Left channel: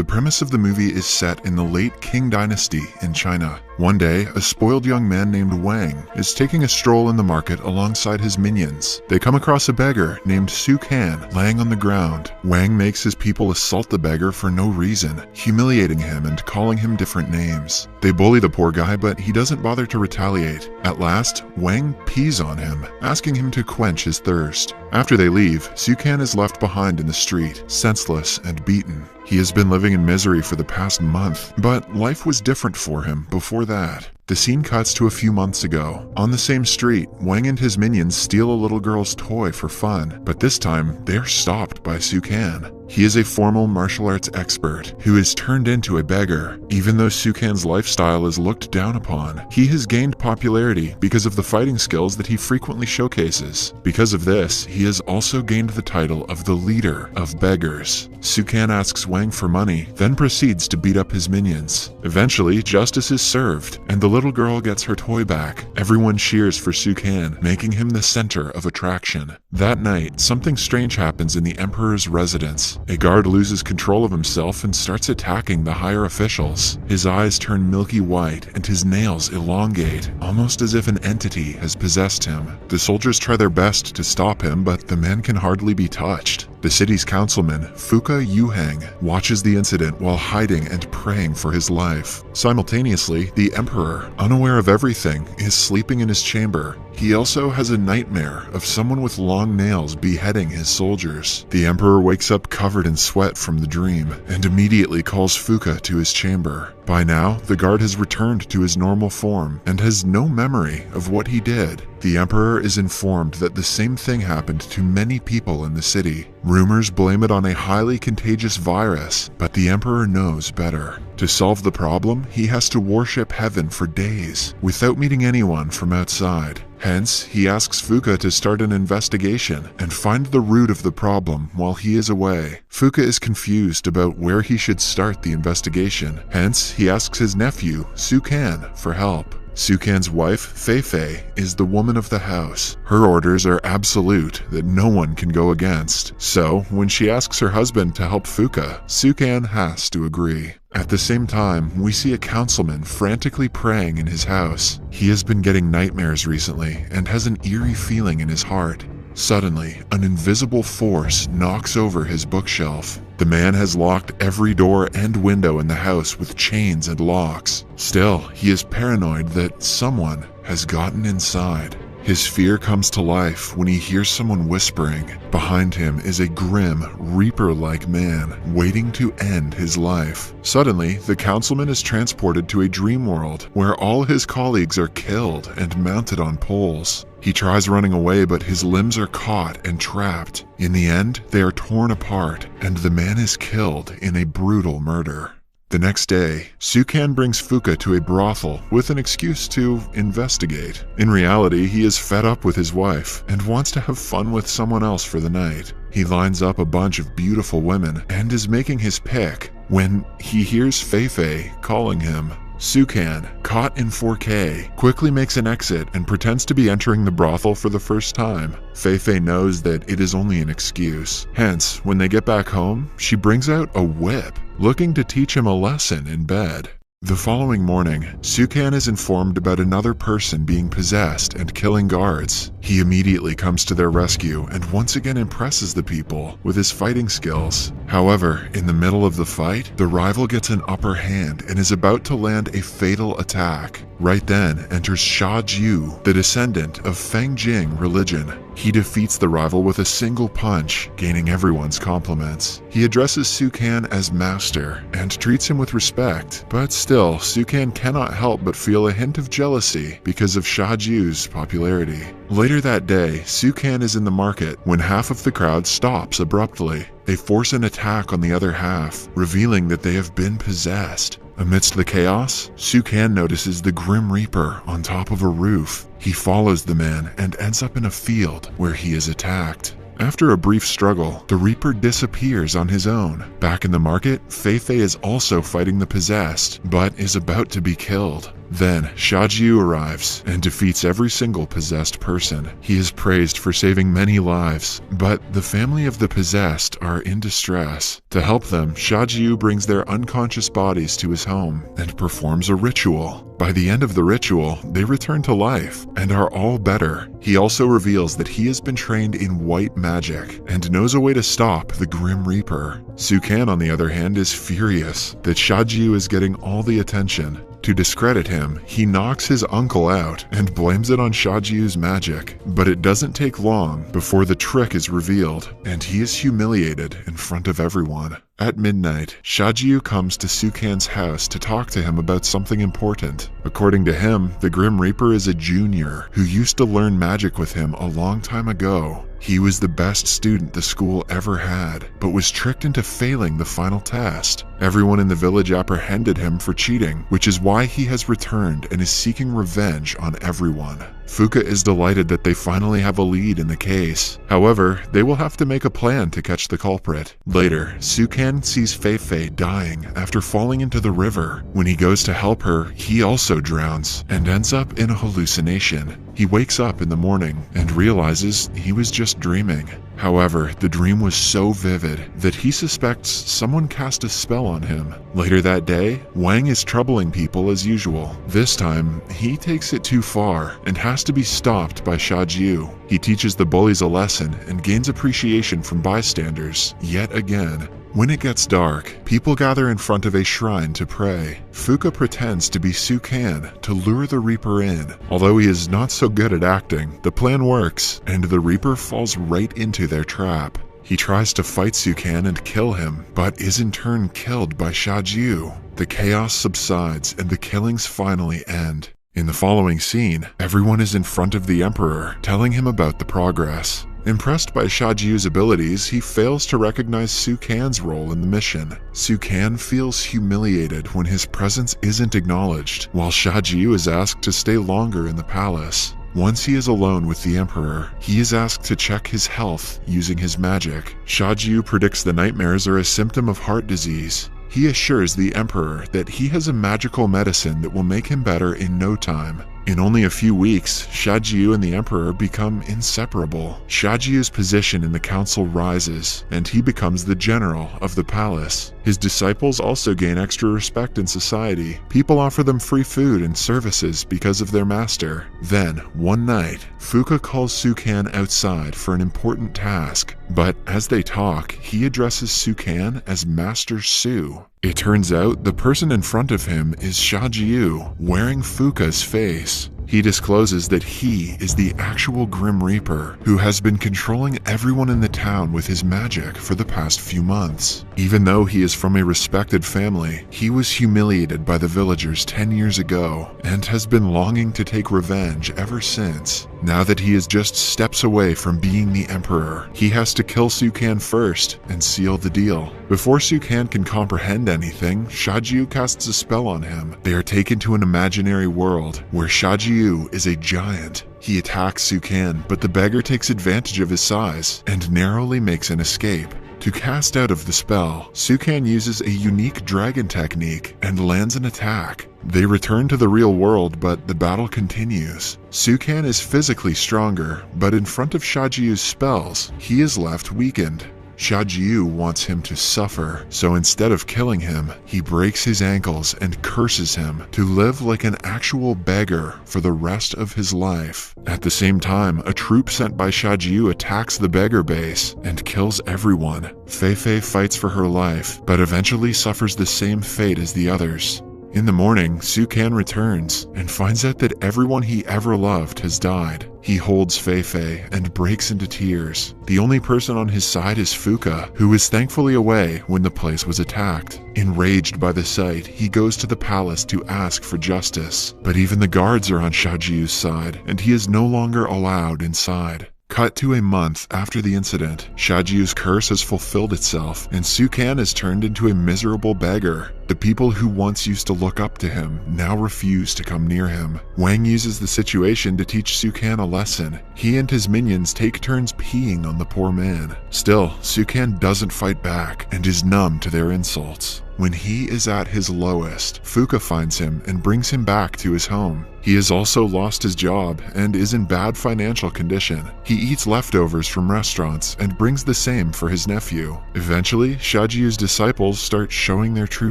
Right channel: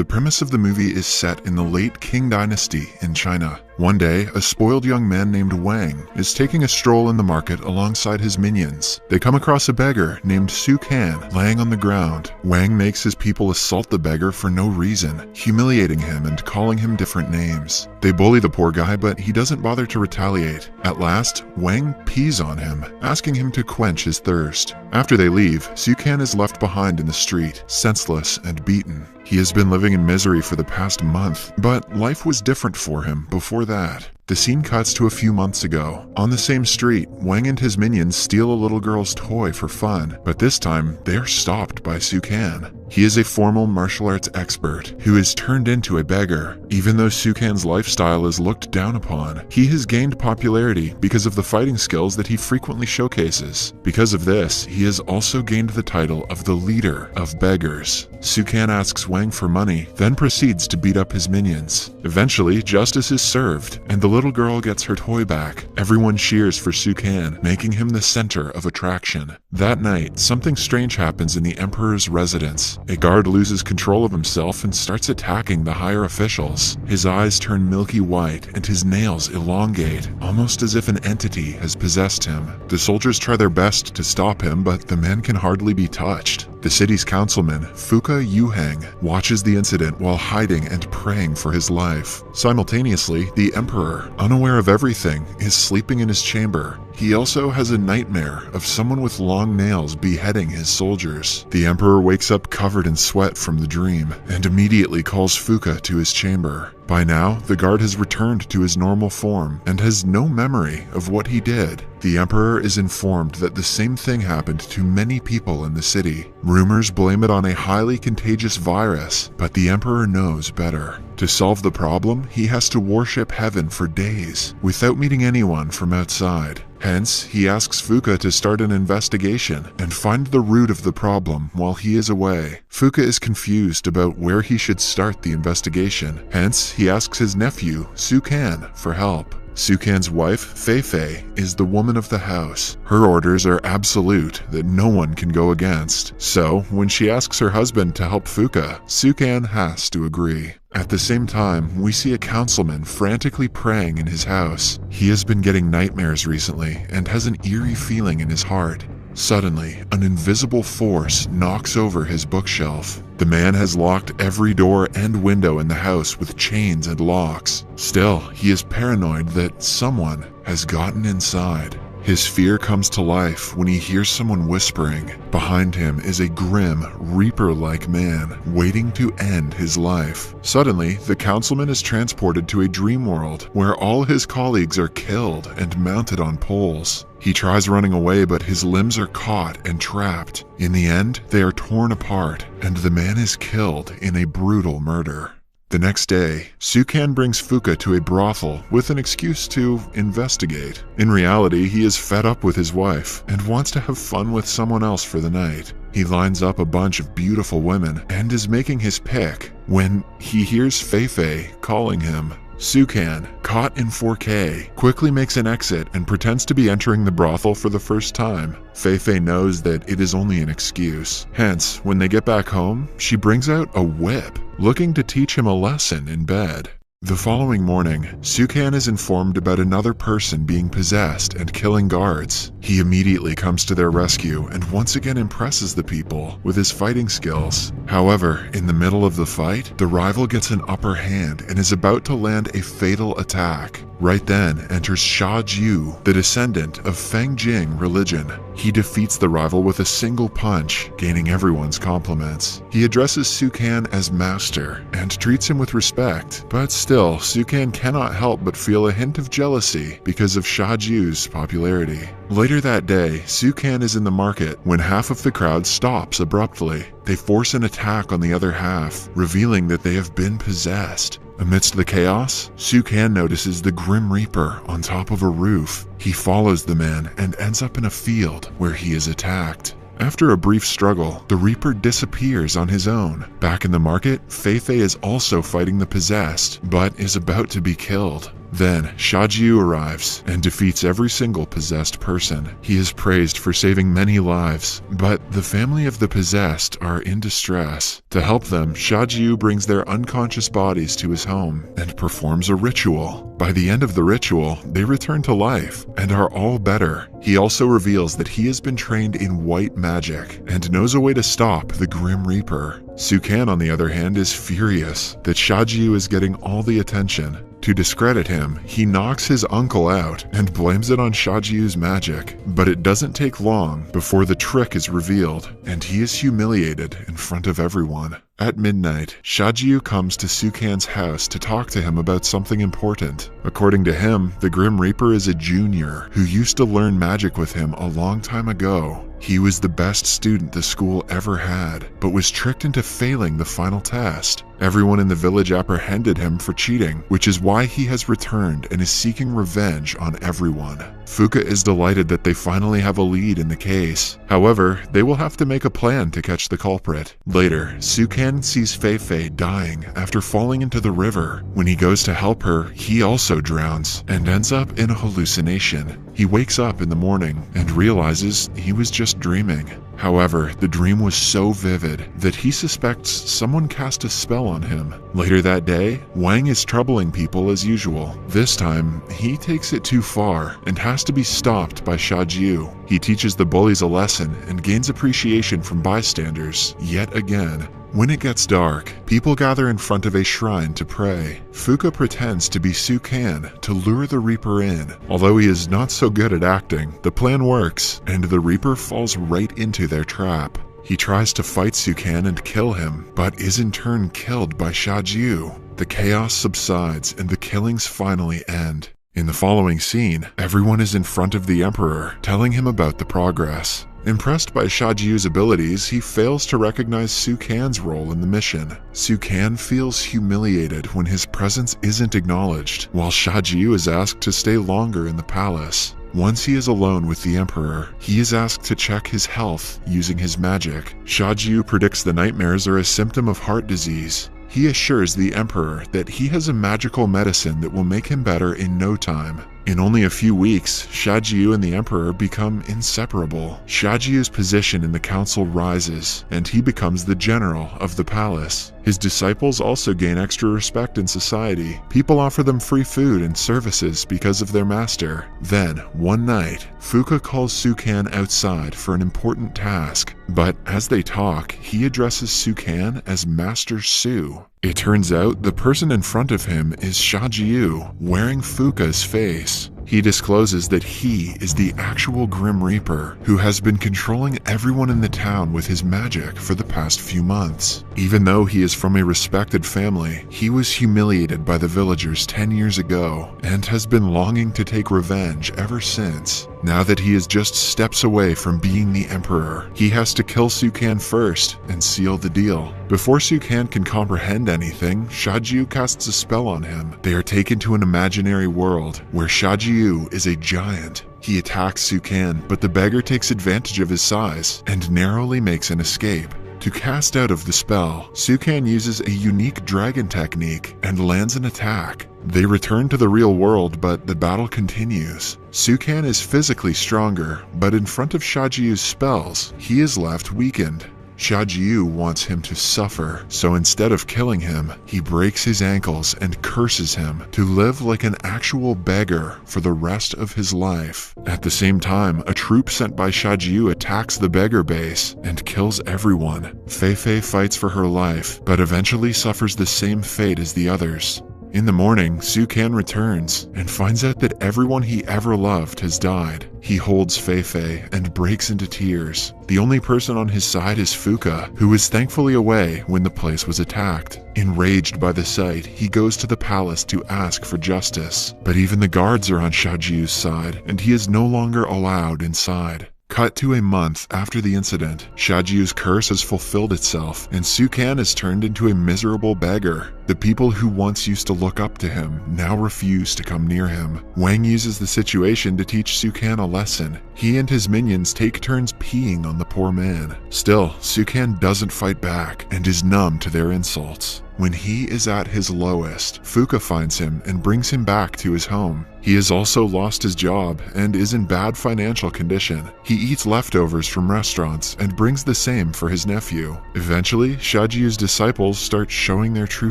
The premise of the movie is set in the late Qing Dynasty in China. One day, a spoiled young man named Wang is taking a stroll in the market alongside his minions. They come across a beggar named Sukan laying on the ground. Wang makes his people assault the beggar for no reason, humiliating him and calling him different names. They bully the poor guy, but he doesn't bother to retaliate. At last, Wang pees on him, asking him to quench his thirst. After they leave, Sukan is left behind in the street, senseless and beaten. He has been living in misery for the past month, but life was different for him before that. The scene cuts to a few months ago. On the same street, Wang and his minions steal a little girl's toy for fun, but this time they are stopped by Sukan. He is a formal martial arts expert who is turned into a beggar. Even though Sukan's lifestyle is looked down upon, he has gained popularity because of the fighting skills that he frequently showcases. Because of this, he has also gained the title of the leader of beggars. Sukan asks Wang for money, then proceeds to beat up his minions. Eventually, justice is served, and the little girl gets her toy back. Everyone cheers for Sukan, making him the center of attraction. That night, something strange happens in the emperor's residence. A guard loses control of himself and starts attacking the higher officials. His eyes turn milky white and his nails elongate, almost as if an entity has possessed him. The soldiers try their best to stop him, but the man can hardly be touched. The city's councilman, Fuca Yuheng, watches the incident while hiding and praying for his life. Simultaneously, the emperor, unaware of everything, is sleeping in his chamber. He also has a nightmare of someone with long nails beheading his soldiers. The emperor wakes up covered in sweat from the dream and immediately calls Fuca to his chamber. By now, the guard has returned to his normal form and has no memory of what he did. The emperor is informed that the same thing happened to many people in the city. Rumors blame it on a highly contagious virus, but the emperor knows better. To solve the problem, he has to worship heaven for days without meeting anyone from outside. Hence, he asks Fuca to start an investigation and find the root of the problem while he is away. Fuca is confused about where he should start the investigation. Hence, he asks his nephew, Sukan, for help. Sukan's wife, Feifei, is the woman of the house. Her orders are absolute that no one can go against. So, when she asks her husband to help Fuca, Sukan has to agree. At the same time, we see a councilman frantically praying in his house. He has been getting nightmares recently and has an eerie feeling in his heart. Suddenly, an invisible force knocks over his bookshelf. The man has locked every door and window in the house with chains and locks. Still, he is paranoid that someone has gotten inside. His fear comes to life when he hears someone whispering. Behind him is a grim, reaper-like man waiting to end his life. Suddenly, the councilman is transported to a dream world where all his colleagues are killed and mounted on poles. He tries running away, but his limbs are caught and trapped. In the end, they are torn apart, and the man is killed in a brutal murder. The next day, Sukan brings Fuca to a brothel with an excuse to investigate. In reality, he is fed up with his wife and wants to have fun with someone else for the night. He lines up a bunch of beautiful women and is making his pick when he hears Feifei calling him. Sukan, caught in 4K, quickly makes an exit and pretends to be entering the brothel for the first time. Feifei knows that it is only an excuse. Hence, when they get back home, she brings out a whip, looking to teach him a lesson in bed. The following morning, Sukan is informed about another person being possessed and killing guards. He immediately comes to their rescue and once again impresses the people with his fighting skills. However, in the middle of the fight, the rival gets an upper hand and is about to land a fatal attack. Right then enters Sha Ju, the descendant of Feng Jing religion. He defeats the rival with a single punch, gaining everyone's compliments. He addresses Sukan as master and treats him with respect, but still, Sukan cannot help but feel a hint of jealousy because of Sha Ju's popularity. Later that day, Sukan is in the market when half of the crowd stops abruptly. They force an attack on the other half, revealing that they have been possessed. Amidst the chaos, Sukan notices the Grim Reaper on top of a roof. He follows the man and ends up in a field where he is attacked. After a brief struggle, the Reaper disappears on his own. Back in the market, Feifei is also fighting the possessed, but is about to be killed. Then Xiaojiu arrives and defeats every single possessed person. He is praised for saving many lives, but the family of the possessed are in distress. To help them, Xiaojiu brings their unconscious bodies to his home and performs a ritual. By the end of the ritual, they return to life and are all better. He also reveals that he has been trained in white magic and knows a way to stop the Grim Reaper. Sukan, on the other hand, is furious that Xiaojiu is getting all the attention. To discredit him, he knocks his uncle out and blames it on Xiaojiu's magic. But it doesn't take long before the trick is revealed, and he is humiliated in front of everyone. At midnight, Xiaojiu comes to Sukan's house to talk to him about something important. According to him, the Grim Reaper is a junior who used to learn magic with him a long time ago. He was the best student the school ever had, but was tricked into failing the final test. Everyone in the village apprehended him for cheating, which is why he has returned and is seeking revenge on everyone. Fuca is delighted that they finally have a lead in the case. However, they will have to make a plan to catch the culprit. Later, Sukan sees Fei Fei dying after falling into the river. When he goes to help her, he also drowns and ends up in a hallucination. He wakes up in the morning and realizes he was just dreaming. However, the dream was so vivid that he suspects someone cast a spell on him. Later that day, Wang is troubling people as usual. This time, he takes it too far and has to be stopped by Xiaojiu. He teaches the bullies a lesson and gains appreciation from bystanders, yet again. When it gets dark, people gather in front of a shrine to pray. Fuca pretends to be Sukan to lure the Reaper in. Although he is not so good at acting, the plan works, and the Reaper falls right into their trap. He tries to fight Sukan and kill him, but is in turn killed by Xiaojiu. The chaos subsides and the killings finally end. In the following scene, everyone is in front of the Emperor, telling him about the progress. Impressed by Xiaojiu's abilities, he fails to recognize Sukan's role in the mission. Sukan feels humiliated when his presence isn't acknowledged, while Xiaojiu is asked to stay longer in the palace. Once he is alone with the Emperor, he is asked to check his health using his magic. Xiaojiu predicts the nightmares are a symptom of heart disease. He assures the Emperor that he has a magical medicine that will make him better in no time. In only a few weeks, Xiaojiu and the Emperor become inseparable. Xiaojiu's position in the council rises, and he becomes the general of the palace. His disciples also gain extra respect in society. People offer them free food and services because of their master. Then, one night, Fuca calls Sukan outside for an important task. But as they talk, he addresses Sukan as Master Su. It turns out the person in front of him is Xiaojiu, wearing Fuca's face. He discloses that he is the actual Grim Reaper, who has been controlling everyone in the town with his magic for the past few months. Even though he is from a respected family, he was humiliated by the villagers 10 years ago, and has been longing to take revenge ever since. Now that he is just steps away from being the Emperor, he has to kill Sukan first and seal the deal. Before Sukan can comprehend anything, Xiaojiu casts a spell on him. They are taken to an imaginary world where Xiaojiu is a giant. He attacks Sukan, but the beggar takes advantage of his size and narrowly makes an escape. To cast out of the spell, Sukan uses a unique dragon technique and lands an attack. They return to the real world, but the battle continues. Sukan is physically stronger, but in front of Xiaojiu's spells, he is left weakened. Xiaojiu wants him to suffer, so instead of killing him, he breaks his ankles and curses him to live like an actual beggar for the rest of his life. At the same time, a troop sent by Xiaojiu attacks the beggar base and kills everyone. Fei Fei fights for her life, but eventually suffers the same fate as the others. In the morning, Sukan returns and finds out that everyone he ever loved has died. He holds Fei Fei and breaks into tears. The only person on his side is Fuca, who was thankfully away when the place was attacked. Enraged by the sight, he goes to the palace to ask for justice. But even the guards are on Xiaojiu's side, and he is no longer allowed inside. Cut to a month after the incident, Xiaojiu's curse has fulfilled itself, and Sukan is turned into a miserable beggar. The people who once used to look up to him now refuse to come near him. Wang uses the situation to teach Sukan a lesson. He and his minions take turns peeing on the poor man. Still, Sukan doesn't fight back and is numb to their insults. When he is at his lowest, Fuca finds him and brings him back to his home. He has also lost his job and is in bad financial condition. He eats leftovers from restaurants and brings the same for his nephew. Eventually, Xiajiu's disciples start showing their true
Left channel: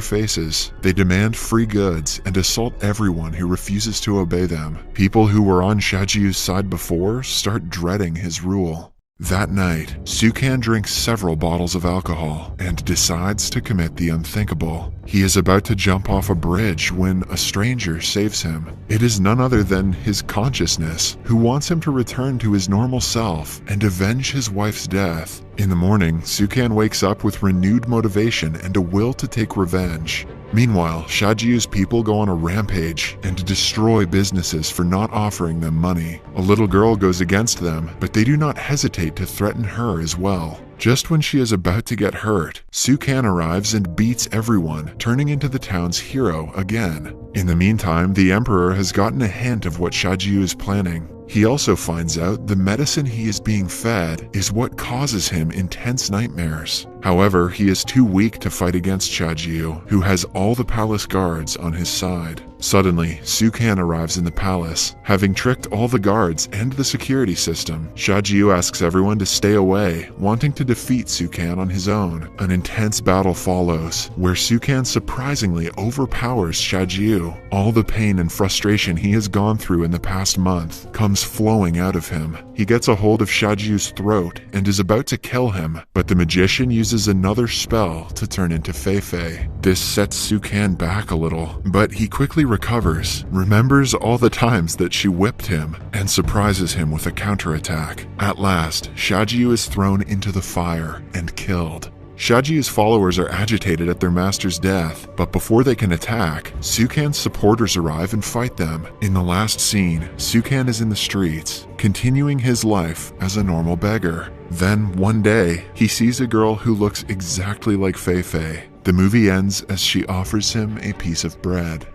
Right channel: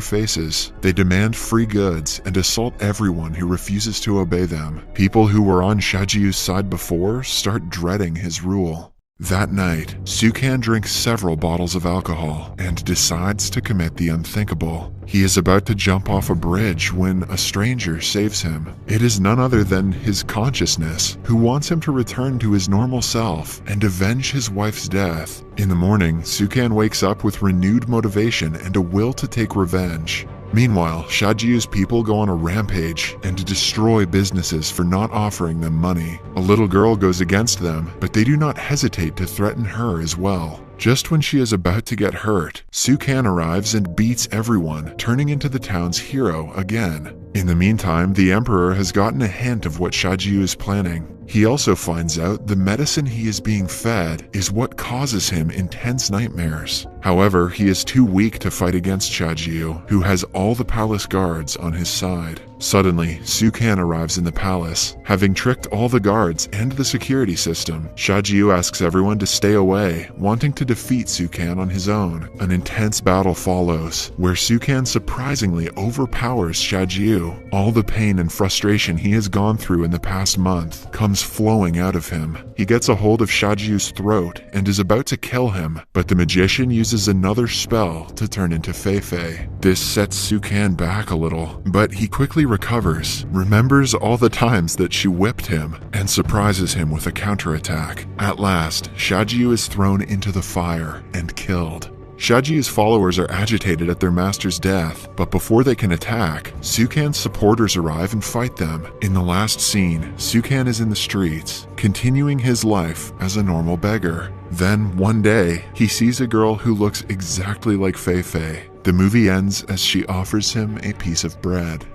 faces. They demand free goods and assault everyone who refuses to obey them. People who were on Xiajiu's side before start dreading his rule. That night, Sukan drinks several bottles of alcohol and decides to commit the unthinkable. He is about to jump off a bridge when a stranger saves him. It is none other than his consciousness, who wants him to return to his normal self and avenge his wife's death. In the morning, Sukan wakes up with renewed motivation and a will to take revenge. Meanwhile, Xiajiu's people go on a rampage and destroy businesses for not offering them money. A little girl goes against them, but they do not hesitate to threaten her as well. Just when she is about to get hurt, Sukan arrives and beats everyone, turning into the town's hero again. In the meantime, the emperor has gotten a hint of what Xiajiu is planning. He also finds out the medicine he is being fed is what causes him intense nightmares. However, he is too weak to fight against Xiajiu, who has all the palace guards on his side. Suddenly, Sukan arrives in the palace. Having tricked all the guards and the security system, Xiajiu asks everyone to stay away, wanting to defeat Sukan on his own. An intense battle follows, where Sukan surprisingly overpowers Xiajiu. All the pain and frustration he has gone through in the past month comes flowing out of him. He gets a hold of Xiajiu's throat and is about to kill him, but the magician uses another spell to turn into Fei-Fei. This sets Sukan back a little, but he quickly recovers, remembers all the times that she whipped him, and surprises him with a counterattack. At last, Xiajiu is thrown into the fire and killed. Xiajiu's followers are agitated at their master's death, but before they can attack, Sukan's supporters arrive and fight them. In the last scene, Sukan is in the streets, continuing his life as a normal beggar. Then, one day, he sees a girl who looks exactly like Fei-Fei. The movie ends as she offers him a piece of bread.